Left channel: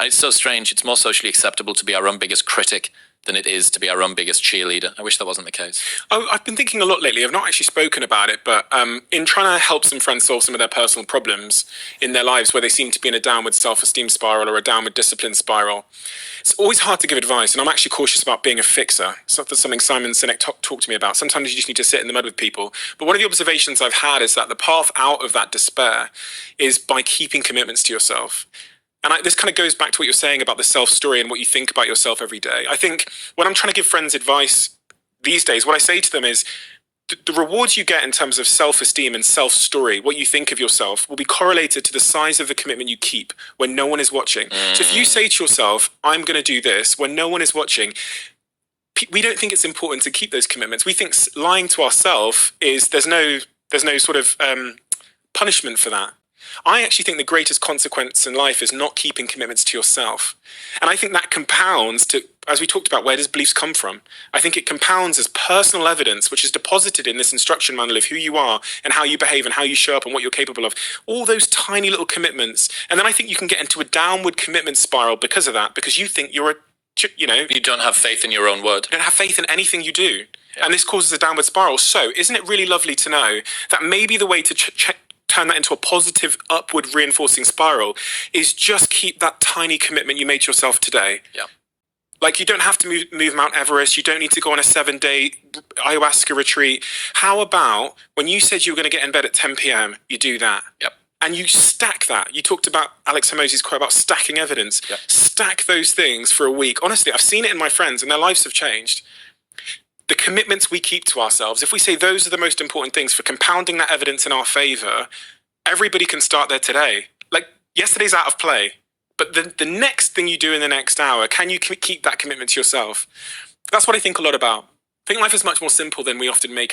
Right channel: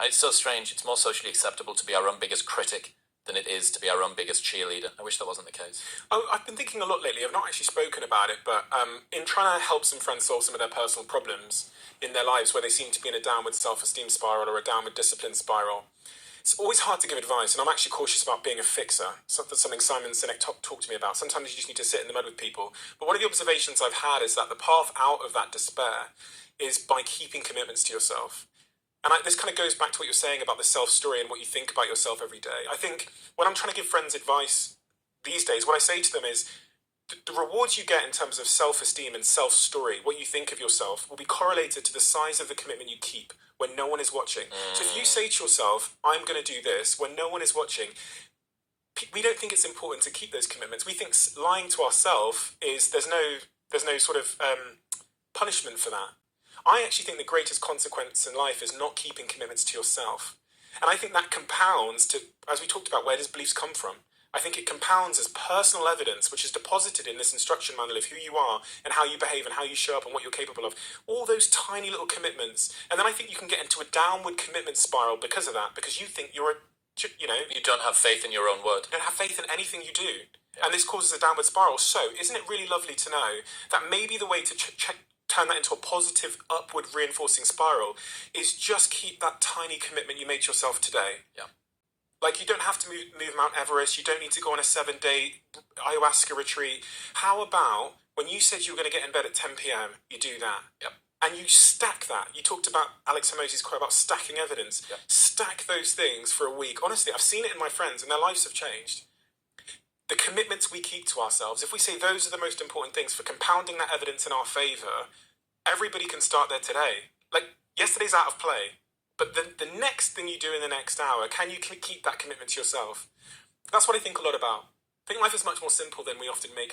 It's so strange. It's more socially acceptable to be our own biggest critic than it is to be our own biggest cheerleader. I wish that wasn't the case. Oh, I've been thinking a lot lately. I've not actually spoken about it, but in trying to help some friends solve some of their personal problems in their lives where they seem to be in a downward self-esteem spiral or a downward discipline spiral, it's always hard to give advice, and I'm actually cautious about being a fixer. So that's something Simon Sinek talked to me about. Sometimes you just need to sit in the mud with people. But one of the observations I've had is that the path out of that despair is by keeping commitments to yourself. And this kind of goes back to what you're saying about the self-story and what you think about yourself every day. I think when I'm trying to give friends advice these days, what I say to them is the rewards you get in terms of self-esteem and self-story, what you think of yourself, will be correlated to the size of the commitment you keep when no one is watching. So if you say to yourself, I'm going to do this when no one is watching, we don't think it's important to keep those commitments. We think lying to ourselves is there's no sort of punishment for that. I actually think the greatest consequence in life is not keeping commitments to yourself. And I think that compounds to, as we talked about, where does beliefs come from? I think it compounds as personal evidence, which is deposited in this instruction manual of who you are and how you behave and how you show up and what you're capable of. All those tiny little commitments. And then I think you can get into a downward commitment spiral because of that, because you think you're you don't have faith in your own word. You don't have faith in anything you do. Yeah. And this causes a downward spiral. So isn't it really lovely to know that maybe the way to turn that into a positive upward reinforcing spiral is just keep that tiny commitment you made to yourself today. Yeah. Like you don't have to move Mount Everest. You don't need to go on a 7-day ayahuasca retreat. How about when you said you were going to get in bed at 10 p.m., you do that? Yep. And you stack that. You talked about Alex Hormozi's quote about stacking evidence. Yep. Stack those things for a week. Honestly, I've seen it in my friends and their lives have changed. The commitments we keep to ourselves, if we say those are the most important things for compounding that evidence in our favor, everybody can start there today. Like yesterday's out of play, but the next thing you do in the next hour, can you keep that commitment to yourself? That's what I think a lot about. I think life is much more simple than we often make out.